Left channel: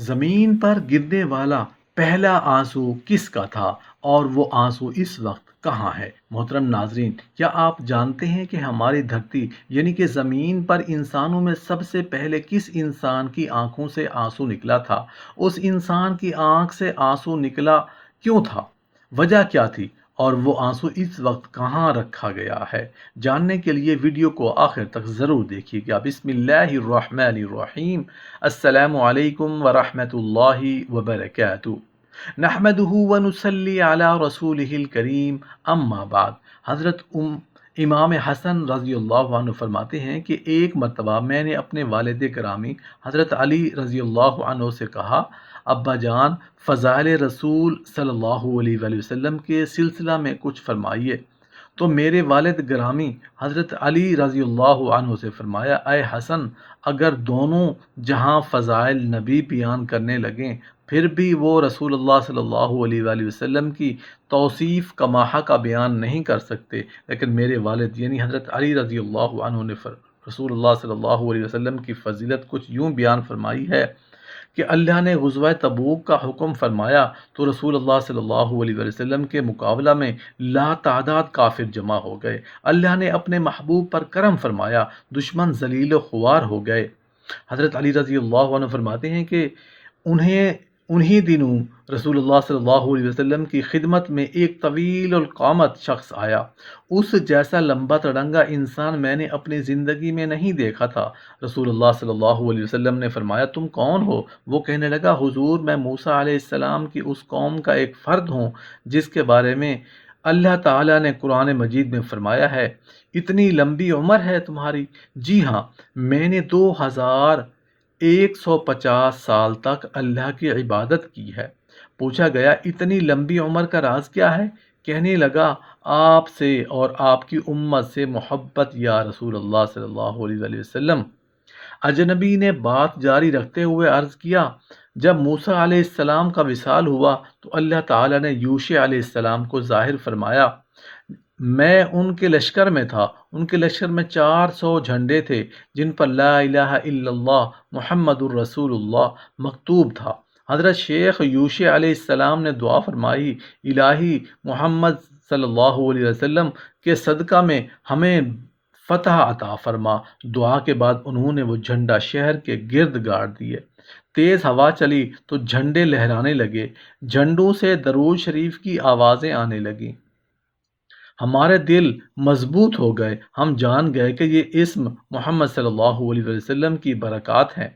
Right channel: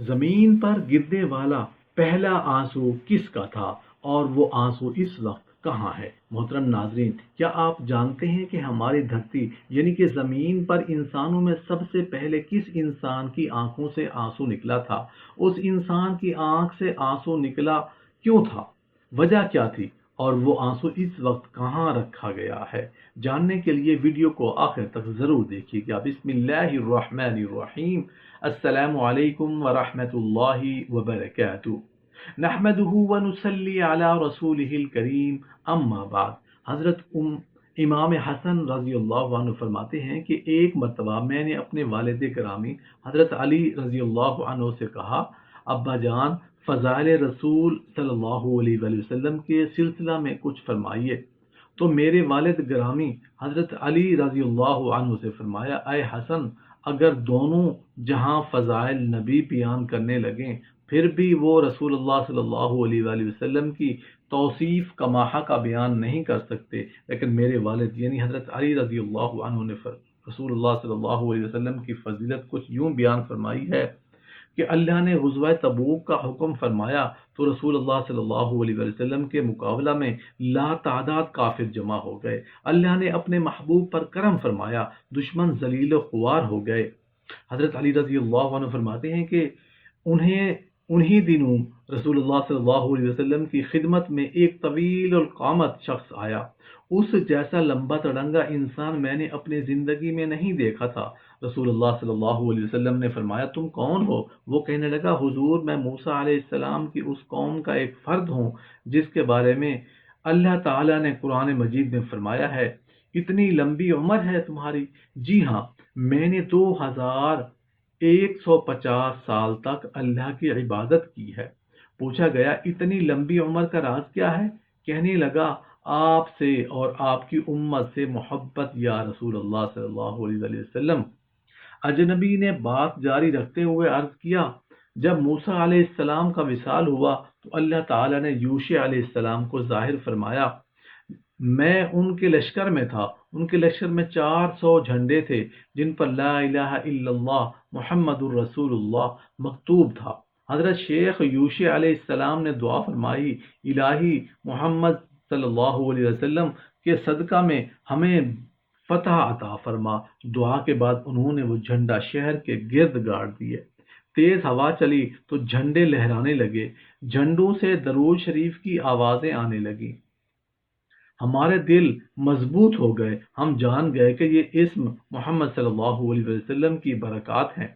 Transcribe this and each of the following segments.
زمین پر گرنے والا پہلا آنسو کس کا تھا اور وہ آنسو اس وقت کہاں ہے؟ محترم ناظرین، کیا آپ جانتے ہیں کہ ہماری دھرتی یعنی کہ زمین پر انسانوں میں سب سے پہلے کس انسان کی آنکھوں سے آنسو نکلا تھا؟ اس انسان کی آنکھ سے آنسو نکلا کیوں تھا؟ وجہ کیا تھی؟ اور وہ آنسو اس وقت کہاں رکھا گیا ہے؟ جاننے کے لیے ویڈیو کو آخر تک ضرور دیکھیے گا۔ بسم اللہ الرحمن الرحیم۔ السلام علیکم ورحمۃ اللہ وبرکاتہ۔ نحمده ونصلی علی رسولہ الکریم، اما بعد۔ حضرت امام حسن رضی اللہ عنہ فرماتے ہیں کہ ایک مرتبہ میں نے اپنے والد گرامی حضرت علی رضی اللہ عنہ سے کہا، ابا جان، فضائل رسول صلی اللہ علیہ وآلہ وسلم کے سلسلہ میں کچھ فرمائیے۔ تو میرے والد گرامی حضرت علی رضی اللہ عنہ سے فرمایا، اے حسن، اگر دونوں جہاں فضائل نبی بیان کرنے لگیں پھر بھی وہ رسول اللہ صلی اللہ علیہ وآلہ وسلم کی توصیف کماحہ کا بیان نہیں کر سکتے، لیکن میرے والد یعنی حضرت علی رضی اللہ عنہ نے رسول اللہ صلی اللہ علیہ وسلم کی فضیلت کچھ یوں بیان فرمائی ہے کہ اللہ نے غزوہ تبوک کا حکم فرمایا تو رسول اللہ صلی اللہ علیہ وسلم کے مقابلہ میں لا تعداد کافر جمع ہو گئے۔ اللہ نے اپنے محبوب پر کرم فرمایا، دشمن ذلیل و خوار ہو گئے۔ حضرت علی رضی اللہ عنہ فرماتے ہیں کہ انہی دنوں رسول اللہ صلی اللہ علیہ وسلم کی خدمت میں ایک طویل القامت شخص آیا۔ اس جیسا لمبا تڑنگا انسان میں نے اپنی زندگی میں نہیں دیکھا تھا۔ رسول اللہ صلی اللہ علیہ وسلم نے فرمایا، تم کون ہو؟ وہ کہنے لگا، حضور، میں موسیٰ علیہ السلام کی اس قوم کا ایک فرد ہوں جس کے بارے میں اللہ تعالیٰ نے قرآن مجید میں فرمایا ہے، اتنی لمبی عمر ہے تمہاری؟ جی ہاں، میں نے 2150 سال تک اللہ کی عبادت کی ہے۔ پوچھا گیا، اتنی لمبی عمر کا راز کیا ہے؟ کہنے لگا، آپ سے اور آپ کی امت سے محبت یا رسول اللہ صلی اللہ علیہ وآلہ وسلم۔ اجنبی نے بات جاری رکھتے ہوئے عرض کیا، جب موسیٰ علیہ السلام کا وصال ہوا تو اللہ تعالیٰ نے یوشع علیہ السلام کو ظاہر فرمایا۔ میں ان کے لشکر میں تھا، ان کے لشکر میں 400 جھنڈے تھے جن پر لا الہ الا اللہ محمد الرسول اللہ مکتوب تھا۔ حضرت شیخ یوشع علیہ السلام نے دعا فرمائی، الہی محمد صلی اللہ علیہ وسلم کے صدقہ میں ہمیں فتح عطا فرما۔ دعا کے بعد انہوں نے وہ جھنڈا شہر کے گرد گاڑ دیے۔ تیز ہوا چلی تو جھنڈے لہرانے لگے، جھنڈوں سے درود شریف کی آوازیں آنے لگیں۔ ہمارے دل مضبوط ہو گئے، ہم جان گئے کہ یہ اسم محمد صلی اللہ علیہ وسلم کی برکات ہیں۔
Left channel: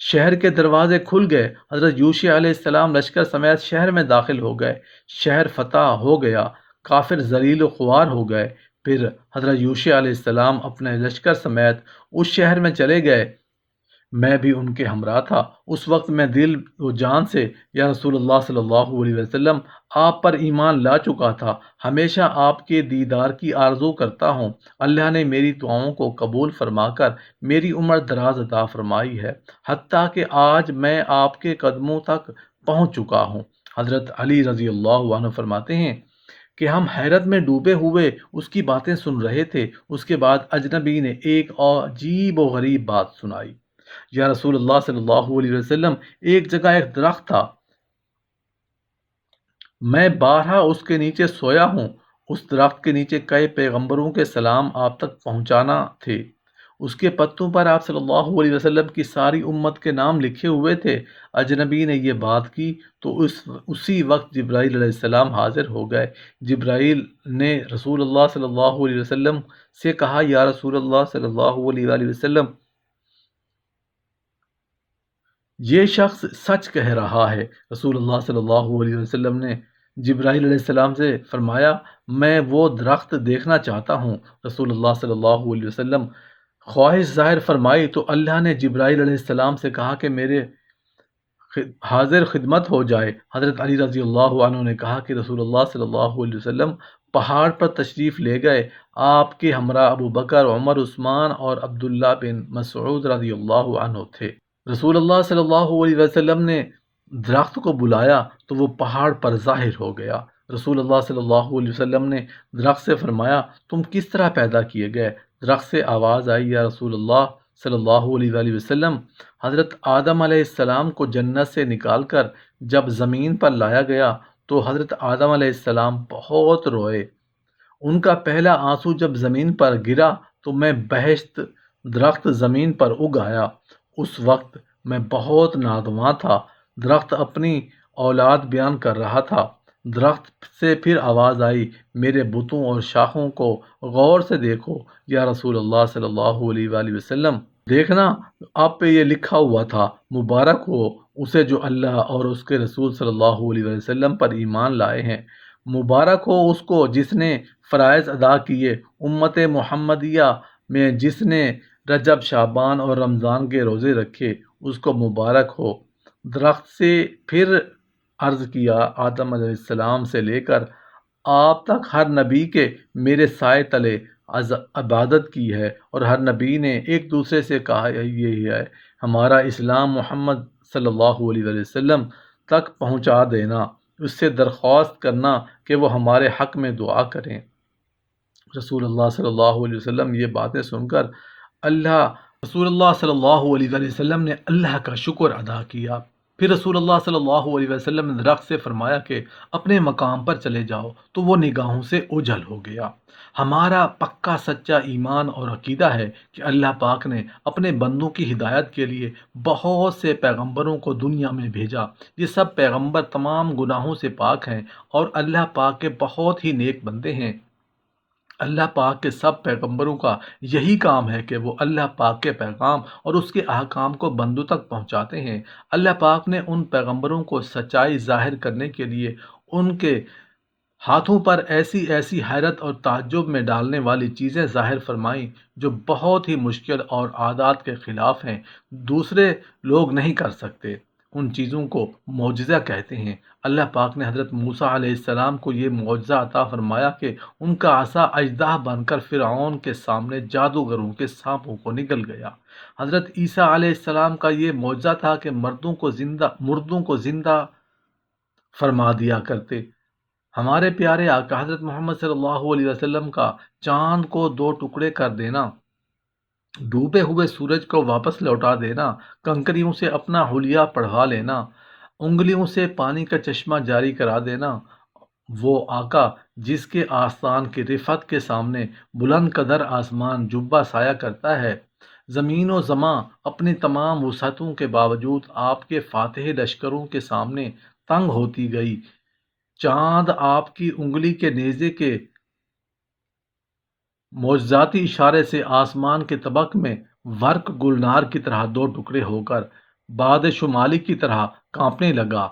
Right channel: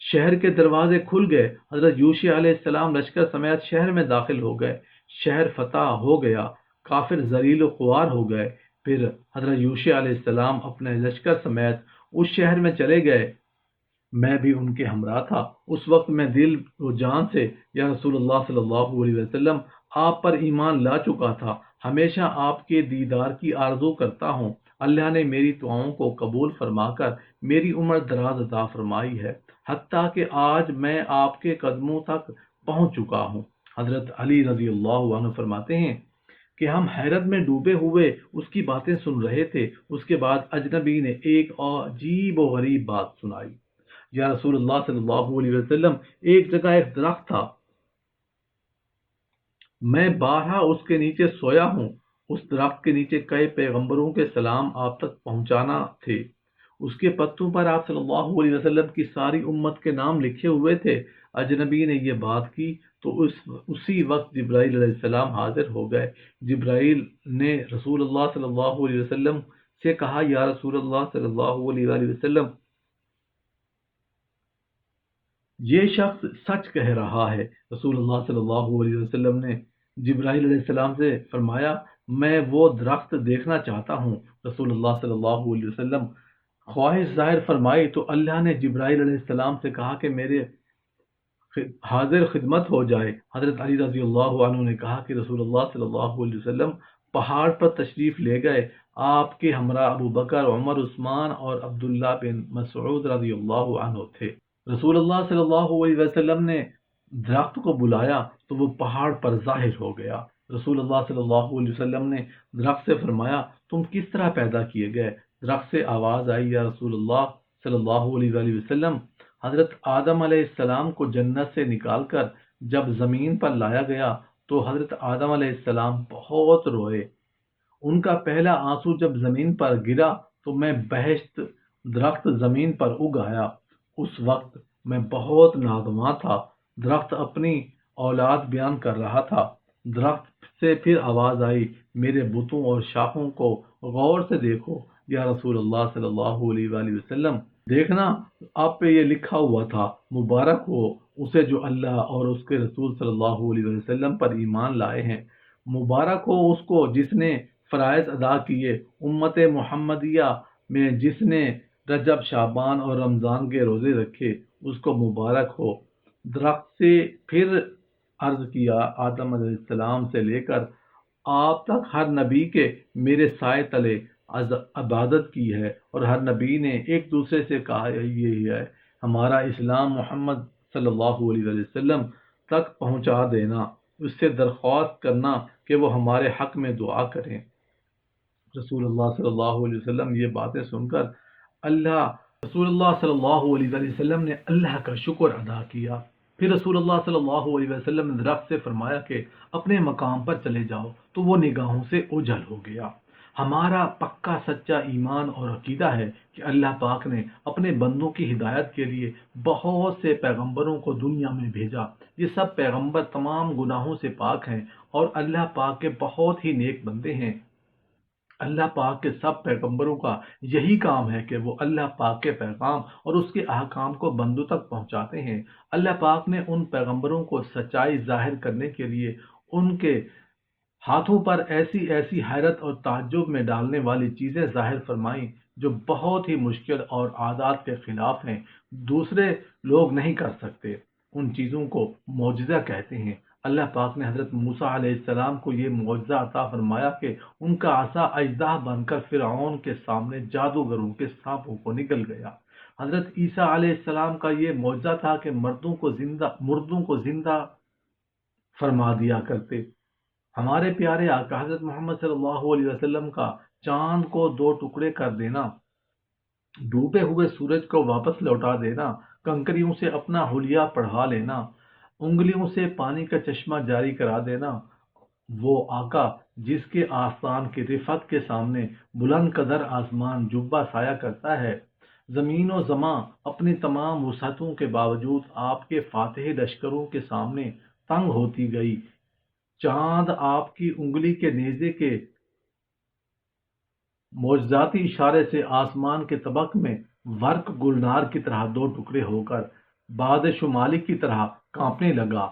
شہر کے دروازے کھل گئے، حضرت یوشع علیہ السلام لشکر سمیت شہر میں داخل ہو گئے، شہر فتح ہو گیا، کافر ذلیل و خوار ہو گئے۔ پھر حضرت یوشع علیہ السلام اپنے لشکر سمیت اس شہر میں چلے گئے، میں بھی ان کے ہمراہ تھا۔ اس وقت میں دل و جان سے، یا رسول اللہ صلی اللہ علیہ وسلم، آپ پر ایمان لا چکا تھا، ہمیشہ آپ کے دیدار کی آرزو کرتا ہوں۔ اللہ نے میری دعاؤں کو قبول فرما کر میری عمر دراز عطا فرمائی ہے، حتیٰ کہ آج میں آپ کے قدموں تک پہنچ چکا ہوں۔ حضرت علی رضی اللہ عنہ فرماتے ہیں کہ ہم حیرت میں ڈوبے ہوئے اس کی باتیں سن رہے تھے۔ اس کے بعد اجنبی نے ایک عجیب و غریب بات سنائی، یا رسول اللہ صلی اللہ علیہ وسلم، ایک جگہ ایک درخت تھا، میں بارہا اس کے نیچے سویا ہوں۔ اس درخت کے نیچے کئی پیغمبروں کے سلام آپ تک پہنچانا تھے، اس کے پتوں پر آپ صلی اللہ علیہ وسلم کی ساری امت کے نام لکھے ہوئے تھے۔ اجنبی نے یہ بات کی تو اسی وقت جبرائیل علیہ السلام حاضر ہو گئے۔ جبرائیل نے رسول اللہ صلی اللہ علیہ وسلم سے کہا، یا رسول اللہ صلی اللہ علیہ وآلہ وسلم، یہ شخص سچ کہہ رہا ہے۔ رسول اللہ صلی اللہ علیہ وسلم نے جبرائیل علیہ السلام سے فرمایا، میں وہ درخت دیکھنا چاہتا ہوں۔ رسول اللہ صلی اللہ علیہ وسلم خواہش ظاہر فرمائی تو اللہ نے جبرائیل علیہ السلام سے کہا کہ میرے حاضر خدمت ہو جائے۔ حضرت علی رضی اللہ عنہ نے کہا کہ رسول اللہ صلی اللہ علیہ وسلم پہاڑ پر تشریف لے گئے، آپ کے ہمراہ ابو بکر، عمر، عثمان اور عبداللہ بن مسعود رضی اللہ عنہ تھے۔ رسول اللہ صلی اللہ علیہ وسلم نے درخت کو بلایا تو وہ پہاڑ پر ظاہر ہو گیا۔ رسول اللہ صلی اللہ علیہ وسلم نے درخت سے فرمایا، تم کس طرح پیدا کیے گئے؟ درخت سے آواز آئی، یا رسول اللہ صلی اللہ علیہ وسلم، حضرت آدم علیہ السلام کو جنت سے نکال کر جب زمین پر لایا گیا تو حضرت آدم علیہ السلام بہت روئے۔ ان کا پہلا آنسو جب زمین پر گرا تو میں بہشت درخت زمین پر اگ آیا۔ اس وقت میں بہت نادواں تھا۔ درخت اپنی اولاد بیان کر رہا تھا۔ درخت سے پھر آواز آئی، میرے بتوں اور شاخوں کو غور سے دیکھو یا رسول اللہ صلی اللہ علیہ وآلہ وسلم۔ دیکھنا، آپ پہ یہ لکھا ہوا تھا، مبارک ہو اسے جو اللہ اور اس کے رسول صلی اللہ علیہ وسلم پر ایمان لائے ہیں۔ مبارک ہو اس کو جس نے فرائض ادا کیے، امت محمدیہ میں جس نے رجب، شعبان اور رمضان کے روزے رکھے، اس کو مبارک ہو۔ درخت سے پھر عرض کیا، آدم علیہ السلام سے لے کر آپ تک ہر نبی کے میرے سائے تلے عبادت کی ہے، اور ہر نبی نے ایک دوسرے سے کہا یہی ہے، ہمارا اسلام محمد صلی اللہ علیہ وسلم تک پہنچا دینا، اس سے درخواست کرنا کہ وہ ہمارے حق میں دعا کریں۔ رسول اللہ صلی اللہ علیہ وسلم یہ باتیں سن کر رسول اللہ صلی اللہ علیہ وسلم نے اللہ کا شکر ادا کیا۔ پھر رسول اللہ صلی اللہ علیہ وسلم نے درخت سے فرمایا کہ اپنے مقام پر چلے جاؤ، تو وہ نگاہوں سے اوجھل ہو گیا۔ ہمارا پکا سچا ایمان اور عقیدہ ہے کہ اللہ پاک نے اپنے بندوں کی ہدایت کے لیے بہت سے پیغمبروں کو دنیا میں بھیجا۔ یہ سب پیغمبر تمام گناہوں سے پاک ہیں اور اللہ پاک کے بہت ہی نیک بندے ہیں۔ اللہ پاک کے سب پیغمبروں کا یہی کام ہے کہ وہ اللہ پاک کے پیغام اور اس کے احکام کو بندوں تک پہنچاتے ہیں۔ اللہ پاک نے ان پیغمبروں کو سچائی ظاہر کرنے کے لیے ان کے ہاتھوں پر ایسی ایسی حیرت اور تعجب میں ڈالنے والی چیزیں ظاہر فرمائیں جو بہت ہی مشکل اور عادات کے خلاف ہیں، دوسرے لوگ نہیں کر سکتے۔ ان چیزوں کو معجزہ کہتے ہیں۔ اللہ پاک نے حضرت موسیٰ علیہ السلام کو یہ معجزہ عطا فرمایا کہ ان کا عصا اژدہا بن کر فرعون کے سامنے جادوگروں کے سانپوں کو نگل گیا۔ حضرت عیسیٰ علیہ السلام کا یہ معجزہ تھا کہ مردوں کو زندہ فرما دیا کرتے۔ ہمارے پیارے آقا حضرت محمد صلی اللہ علیہ وسلم کا چاند کو 2 ٹکڑے کر دینا، ڈوبے ہوئے سورج کو واپس لوٹا دینا، کنکریوں سے اپنا حلیہ پڑھوا لینا، انگلیوں سے پانی کا چشمہ جاری کرا دینا، وہ آقا جس کے آستان کی رفعت کے سامنے بلند قدر آسمان جبہ سایہ کرتا ہے، زمین و زماں اپنی تمام وسعتوں کے باوجود آپ کے فاتح لشکروں کے سامنے تنگ ہوتی گئی، چاند آپ کی انگلی کے نیزے کے معجزاتی اشارے سے آسمان کے طبق میں ورق گلنار کی طرح 2 ٹکڑے ہو کر باد شمالی کی طرح کانپنے لگا۔